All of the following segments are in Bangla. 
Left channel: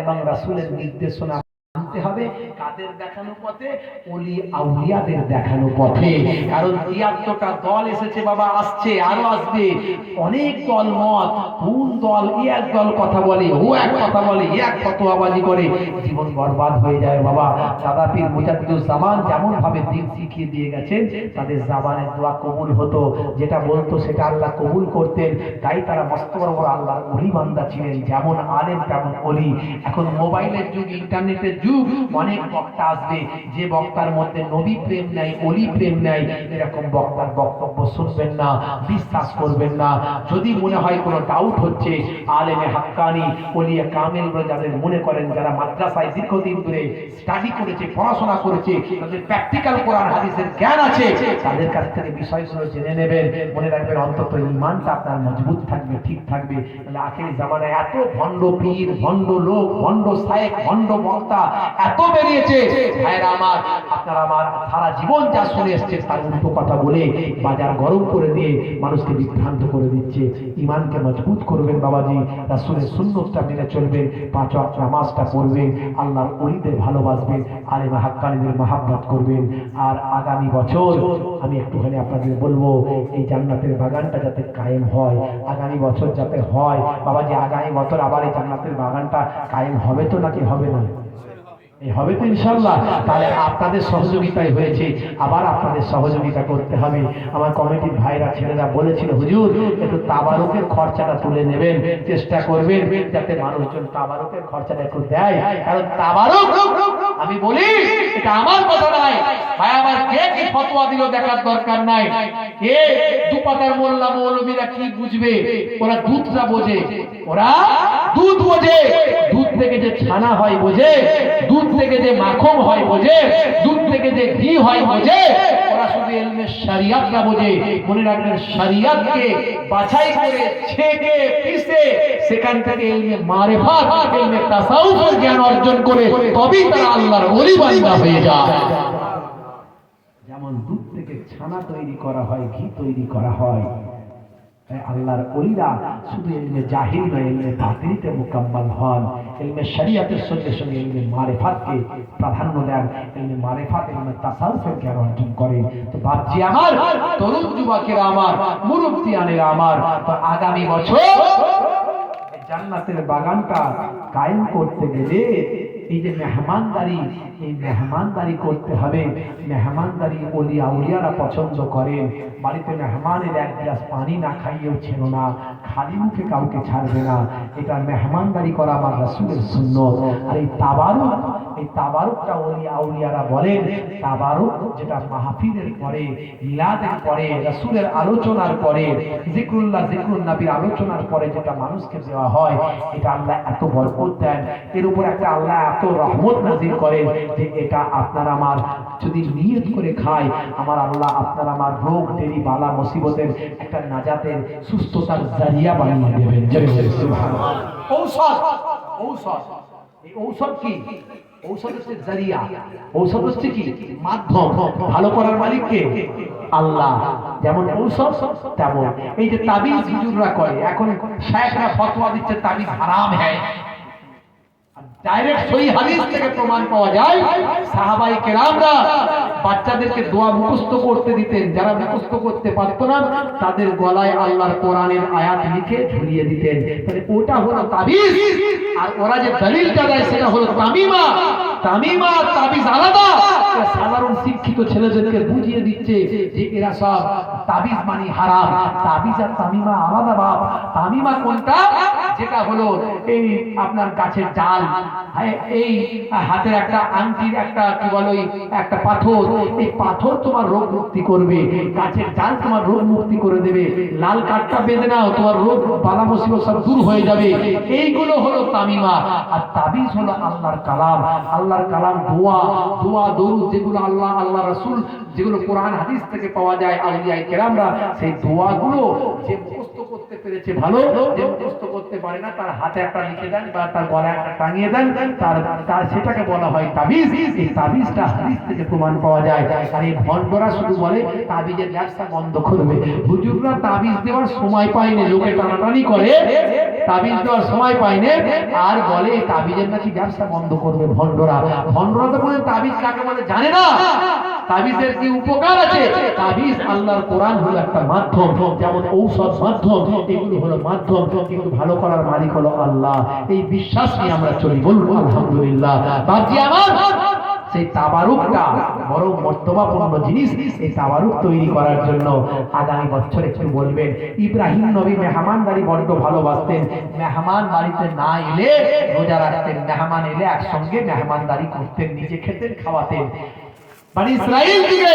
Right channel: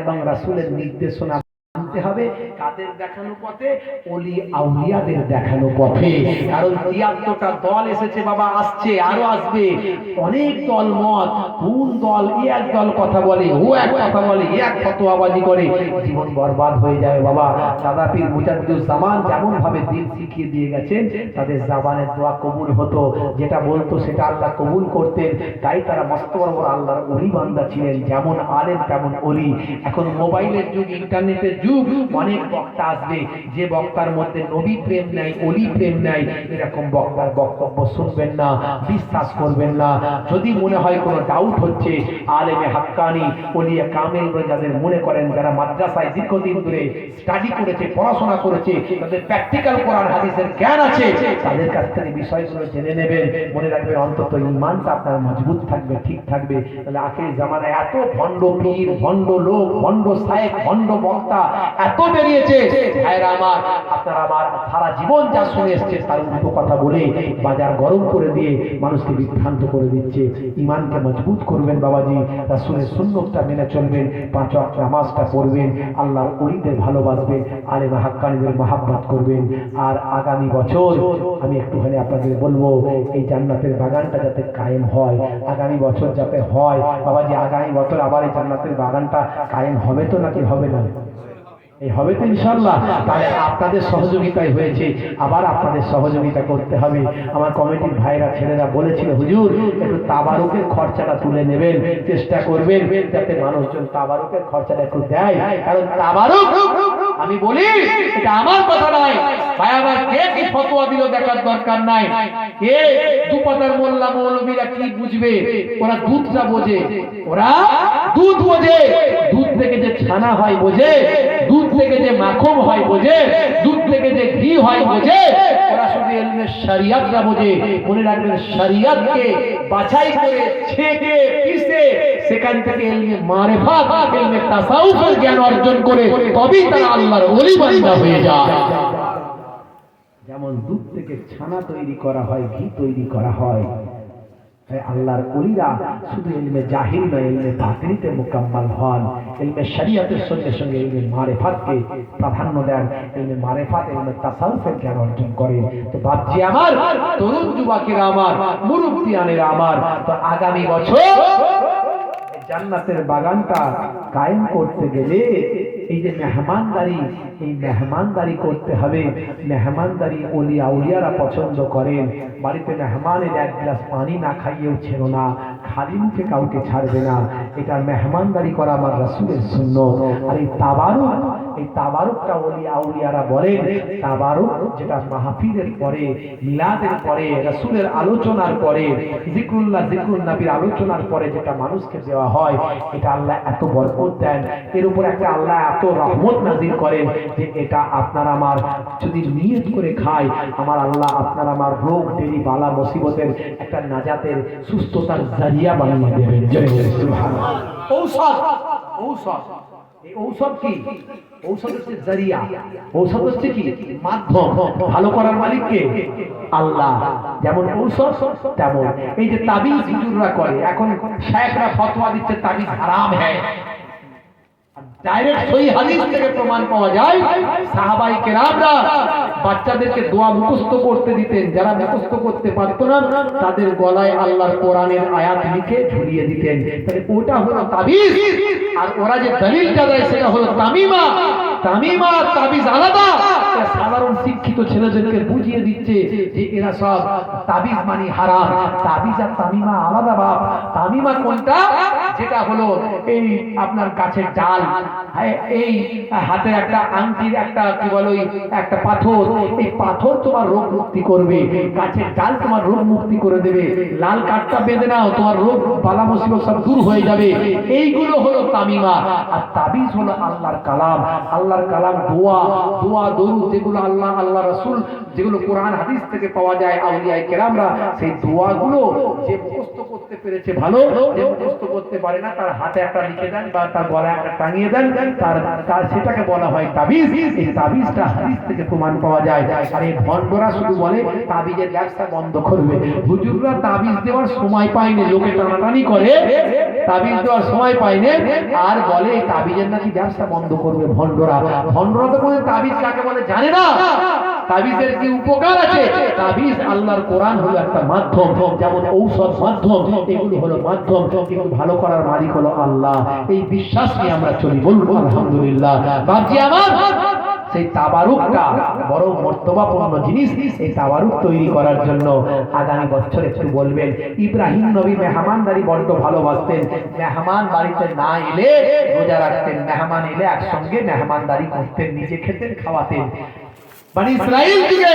এবং রাসূলের নির্দেশনা মানতে হবে। কাদের দেখানো পথে? ওলি আউলিয়াদের দেখানো পথে। কারণ ৭৩টা দল এসেছে বাবা, আসছে, আরো আসবে। অনেক দল মত, কোন দল এক দল কথা বলে, ও এক কথা বলে, এক ফতোয়াবাজি করে, জীবন বরবাদ হয়ে যায় বাবা। দাদা পীর মুজাদ্দিদুজ্জামান যেমন ভাবে দিন শিখিয়ে দিয়ে গেছেন, তাদের জাবানের দোয়া কবুল হতো, যেটা বলতো সেটা আল্লাহ কবুল করতেন। তাই তারা মস্ত বড় বড় আল্লাহর ওলি বান্দা ছিলেন, যেমন আলেম তেমন ওলি। এখন মোবাইলের যুগ, ইন্টারনেটের যুগ, অনেক বক্তা আসবে, যে বক্তার মধ্যে নবী প্রেম নাই, ওলি প্রেম নাই, এরকম বক্তার বক্তব্য শুনবেন না, বিশ্বাস করবেন না। যদি মনে হয় কোনো ডাউট হচ্ছে, আলেমে হাক্কানি, ওলিয়ে কামেল বলে যাদের মনে করেন, যারা মাদ্রাসায় দীর্ঘদিন ধরে স্টাডি করেছে, পড়াশোনা করেছে, তাদের প্র্যাকটিক্যাল কোরআন হাদিসের জ্ঞান আছে, তাদের কাছ থেকে বিষয়গুলো জেনে নেবেন। মনে রাখবেন, অন্তত ঈমানটা আপনার মজবুত থাকবে, ঠিক থাকবে। তাহলে আখির জামানায় এত ভণ্ড পীর, ভণ্ড লোক, ভণ্ড শায়েখ, ভণ্ড বক্তা এত বেরিয়েছে, ভাইরা আমার, আপনারা আমার সারা জীবন যা শুনে এসছে তার উল্টো কথা বলে বাজার গরম করে দিয়ে মানুষকে বিভ্রান্ত করে দিচ্ছে। ঈমানকে মজবুত করবেন বাবাজি, রাসূলের সুন্নতটা মেনে চলবেন, ৫ ওয়াক্ত নামাজটা পড়বেন, আল্লাহর ওলিদের ভালোবাসবেন, আলেম হাক্কানিদের মহাব্বত করবেন। আর আগামী বছর আমি একটুখানি আপনাদের বলবো, এই জান্নাতের বাগানটা যাতে কায়েম হয়, আগামী বছর যাতে হয় বাবাজি। আগামী বছর আবার এই জান্নাতের বাগানটা কায়েম হবে তো নাকি হবে না? হবে তো ইনশাআল্লাহ। তাহলে আপনাদের সহযোগিতায় হয়েছে, আবার আপনাদের সহযোগিতা করতে হবে। আমার কমিটির ভাইরা ছেলেরা বলেছিল, হুজুর একটু তাবারুকের খরচাটা তুলে নেবেন, চেষ্টা করবেন যাতে মানুষজন তাবারুকের খরচাটা একটু দেয়। কারণ তাবারুক, আমি বলি এটা আমার কথা নয় ভাই, আবার কে কি ফতোয়া দিল দেখার দরকার নাই। কে দুপাতার মোল্লা মৌলবীরা কি বুঝবে? ওরা দুধটা বোঝে, ওরা দুধ বোঝে, দুধ থেকে যে ছানা হয় বোঝে, দুধ থেকে যে মাখন হয় বোঝে, দুধ থেকে যে ঘি হয় বোঝে। ওরা শুধু ইলমে শরিয়াতটা বোঝে। মনে রাখবেন, শরিয়াতকে বাছাই করে ছেঁকে পিষে সেখান থেকে ইলমে মারিফাত, ইলমে তাসাউফের জ্ঞান অর্জন করে তবেই তারা আল্লাহর ওলি বান্দা হয়ে যায়। যেমন দুধ থেকে ছানা তৈরি করা হয়, ঘি তৈরি করা হয়, আল্লাহর ওলিরা শুধু ইলমে জাহিল নয়, ইলমে বাতিনিতে মুকাম্মাল হন। ইলমে শরিয়াতের সঙ্গে সঙ্গে ইলমে মারিফাতকে প্রাধান্য দেন, ইলমে মারিফাত, ইলমে তাসাউফের জ্ঞান অর্জন করেন। তো বাপজি আমার, তরুণ যুবকেরা আমার, মুরব্বিয়ানেরা আমার, তো আগামী বছর জান্নাতের বাগানটা কায়েম করতে গেলে এই যে মেহমানদারি, এই মেহমানদারি করতে হবে। মেহমানদারি ওলি আউলিয়ারা পছন্দ করেন। বাড়িতে মেহমানের এক গ্লাস পানি না খাইয়েও ছিল না, খালি মুখে কাউকে ছাড়বে না। এটা মেহমানদারি করা আমার রাসূলের সুন্নাত। আর এই তাবারুক, এই তাবারুকটা ওলি আউলিয়ারা বলেন, তাবারুক যেটা মাহফিলের পরে, মিলাদের পরে, রাসূলের আলোচনার পরে, জিকরুল্লাহ, জিকরুন নবীর আলোচনার পরে যেটা মানুষকে দেওয়া হয়, এটা আল্লাহ এত বরকত দেন, এর উপর একটা আল্লাহ এত রহমত নাযিল করেন যে এটা আপনার আমার যদি নিয়ত করে খায়, আমার আল্লাহ আপনার আমার রোগ দেরি বালা মুসিবতের একটা নাজাতের, সুস্থতার জারিয়া বানিয়ে দেবেন। সুবহানাল্লাহ। ঔষধ, ঔষধ, এই ঔষধ কি? ঔষধ হচ্ছে জারিয়া, ঔষধ হচ্ছে কি? মাধ্যম। ভালো করার মালিক কে? আল্লাহ। যেমন ঔষধ তেমন এই যে তাবিজ হুজুররা করে, এখন শায়েখরা ফতোয়া দিচ্ছে তাবিজ হারাম হ্যায়। ডাইরেক্ট সহিহ হাদিস থেকে প্রমাণ পাওয়া যায়, সাহাবায়ে কেরামরা বাচ্চাদেরকে দোয়া মুখস্থ করতে দিতেন, যারা মুখস্থ করতে পারত না তাদের গলায় আল্লাহর কোরআনের আয়াত লিখে ঝুলিয়ে দিতেন। তাহলে ওটা হলো তাবিজ, আর ওরা যে দলিলটা দেয় সেটা হলো তামিমা। তামিমা আর তাবিজ আলাদা। সাধারণ শিক্ষিত ছেলেদেরকে বুঝিয়ে দিচ্ছে যে এরা সব তাবিজ মানে হারাম। তাবিজ আর তামিমা আলাদা বাপ। তামিমা কোনটা? যেটা হলো এই আপনার গাছের ডাল, এই হাতের একটা আংটির একটা কি বলো একটা পাথর, এই পাথর তোমার রোগ মুক্তি করবে, গাছের ডাল তোমার রোগ মুক্তি করে দেবে, লাল কাঠটা বেঁধে নাও, তোমার রোগ বালা মুসিবত সব দূর হয়ে যাবে। এইগুলো হলো তামিমা। আর তাবিজ হলো আল্লাহর কালাম। আল্লাহর কালাম, দোয়া, দোয়া দরুদ, যেগুলো আল্লাহ, আল্লাহ রাসূল, যেগুলো কোরআন হাদিস থেকে পাওয়া যায়, আউলিয়া কেরামরা সেই দোয়াগুলো যে মুখস্থ করতে পেরেছে ভালো, যে মুখস্থ করতে পারে না তার হাতে একটা লিখে দেন বা তার গলায় একটা টাঙিয়ে দেন, তার সেটাকে বলা হয় তাবিজ। এই তাবিজটা হাদিস থেকে প্রমাণ পাওয়া যায়। আর এই ভণ্ডরা শুধু বলে তাবিজের ব্যবসা বন্ধ করবে। হুজুররা তাবিজ দেওয়ার সময় পায়নি, লোকে টানাটানি করে তাবিজ দেওয়ার সময় পাইনি, আর বলে এই তাবিজের নাকি ব্যবসা বন্ধ করবে ভণ্ডরা। ভণ্ডরা তো কোনো তাবিজ কাকে বলে জানে না। তাবিজের কি উপকার আছে? তাবিজ আল্লাহর কোরআন হলো একটা মাধ্যম, যেমন ঔষধ মাধ্যম, এগুলো হলো মাধ্যম, কিন্তু ভালো করার মালিক হলো আল্লাহ। এই বিশ্বাস নিয়ে আমরা চলি, বলবো আলহামদুলিল্লাহ। বাপজি আমার, সেই তাবারুকটা বড় মর্তবাপূর্ণ জিনিস। এই তাবারুক তৈরি করার জন্য আগামী বছর একটু বলবেন। ইব্রাহিম নবী মেহমানদারি বড্ড ভালোবাসতেন। মেহমান বাড়িতে না এলে রোজা রাখতেন, মেহমান এলে একসঙ্গে মেহমানদারি করতেন, নিজে খেতেন, খাওয়াতেন। বনি ইসরাইল থেকে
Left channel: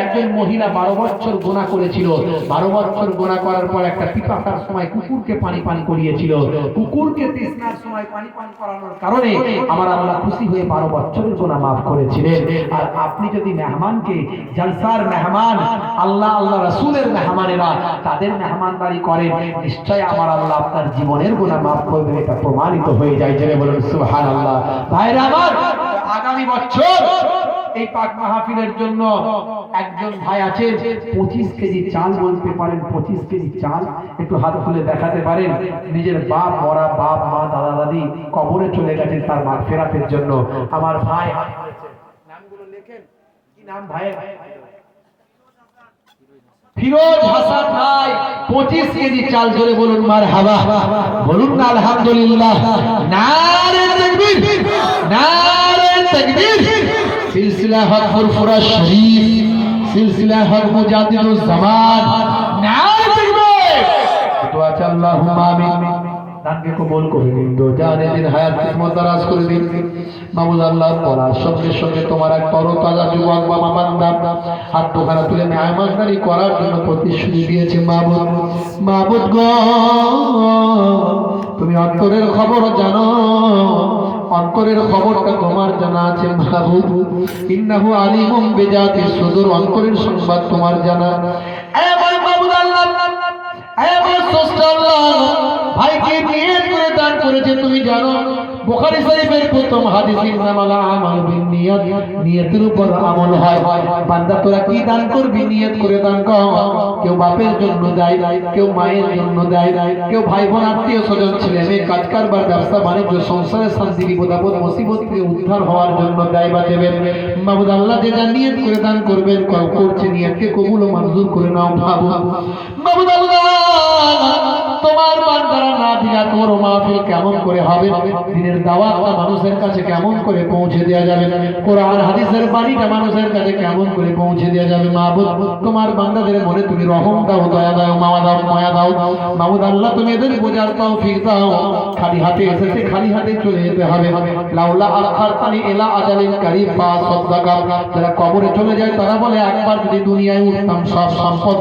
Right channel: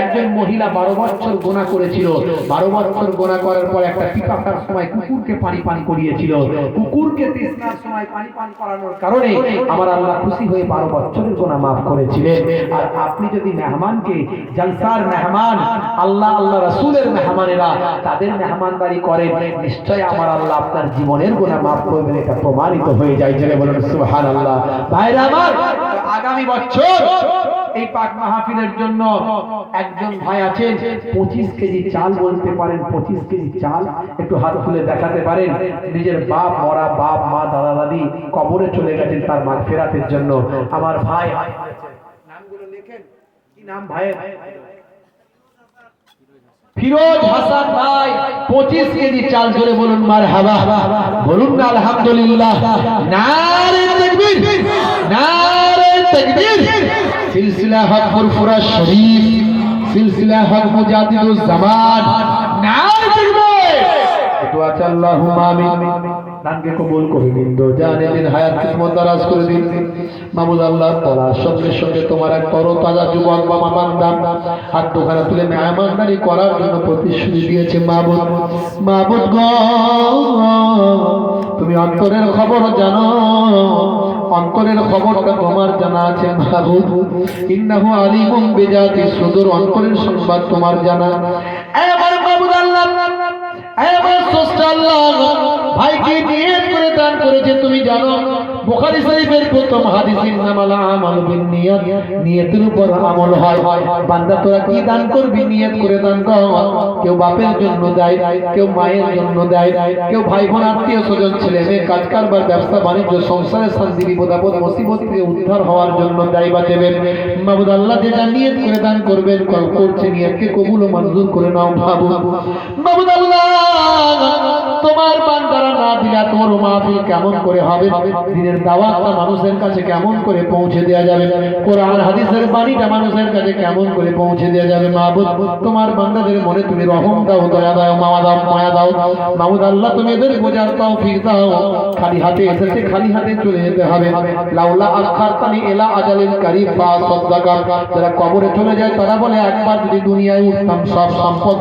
একজন মহিলা 12 বছর গোনা করেছিল। 12 বছর গোনা করার পর একটা পিপাসার সময় কুকুরকে পানি পান করিয়েছিল। কুকুরকে তৃষ্ণার সময় পানি পান করানোর কারণে আমার আল্লাহ খুশি হয়ে 12 বছরের গোনা মাফ করেছিলেন। আর আপনি যদি মেহমানকে, জলসার মেহমান, আল্লাহ আল্লাহ রাসূলের মেহমানেরা তাদের মেহমানদারি করেন, নিশ্চয় আমার আল্লাহ আপনার জীবনের গোনা মাফ করবেন, এটা প্রমাণিত হয়ে যায়। জেনে বলুন সুবহানাল্লাহ। ভাইরা আমার, আগামী বছর এই পাক মাহফিলের জন্য একজন ভাই আছেন, 25 কেজি চাল বলতে পারেন, 25 কেজি চাল একটু হাত তুলে দেখাতে পারেন। নিজের বাপ মরা, বাপ মা দাদা দাদি কবরে চলে গেছেন, তার মাগফিরাতের জন্য আমার ভাই হাত তুলেছেন। নামগুলো লেখেন। কি নাম ভাইয়ের? ফিরোজ হাসান ভাই, 25 কেজি চাল। জোরে বলুন মারহাবা, বলুন না আলহামদুলিল্লাহ। নারে তাকবীর, নারে তাকবীর। সিলসিলা হক ফুরফুরা শরীফ, সিলসিলা হক মুজাদ্দিদুজ জামান, নারে তাকবীর। তো আচ্ছা, আল্লাহুম্মা আমিন। দানকে কবুল করে নিন, দো জানে দিন হায়াত কিসমত দারাজ করে দিন। মাবুদ আল্লাহ তাআলা সঙ্গে সঙ্গে তোমার এক তরতাজা যুবক বাবা বান্দা হাত দুখানা তুলে মেহমানদারি করার জন্য প্রতিশ্রুতি দিয়েছে। মাবুদ, মাবুদ গো, তুমি অন্তরের খবর জানো, অন্তরের খবরটা তোমার জানা আছে মাবুদ। ইন্নাহু আলিমুম বিজাতিস সুদূর, অন্তরের সংবাদ তোমার জানা। এ মাবুদ আল্লাহ, এ স্রষ্টা আল্লাহ, ভাইকে নিয়ত করে দান করেছে তুমি জানো। বুখারী শরীফের প্রথম হাদিসের নাম আল আমাল বিন্নিয়াত, নিয়তের উপর আমল হয়। বান্দা তোরা কি দান করবি? নিয়ত করে দান কর। কেউ বাপের জন্য দেয়, কেউ মায়ের জন্য দেয়, কেউ ভাই বোন আত্মীয় স্বজন ছেলে মেয়ে কাজ কারবার ব্যবসা বাণিজ্য সংসারের শান্তি বিপদ আপদ মুসিবত থেকে উদ্ধার হওয়ার জন্য দেয় বা দেবেন। মাবুদ আল্লাহ যেটা নিয়ত করে দান করবেন, করছে নিয়তকে কবুল ও মঞ্জুর করে নাও মাবুদ। মাবুদ আল্লাহ, তোমার বান্দারা না দিলে তোর মাহফিল কেমন করে হবে? দিনের দাওয়াতটা মানুষের কাছে কেমন করে পৌঁছে দেওয়া যাবে? কোরআন হাদিসের বাণীটা মানুষের কাছে কেমন করে পৌঁছে দেওয়া যাবে? মাবুদ, তোমার বান্দাদের মনে তুমি রহম দাও, দয়া দাও, মায়া দাও। মাবুদ আল্লাহ, তুমি এদের বোঝার তৌফিক দাও। খালি হাতে এসেছে, খালি হাতে চলে যেতে হবে। লাউলা আখারতানি ইলা আজালিন কারীব ফাসাদাকা। যারা কবরে চলে যায় তারা বলে একবার যদি দুনিয়ায় উঠতাম সব সম্পদ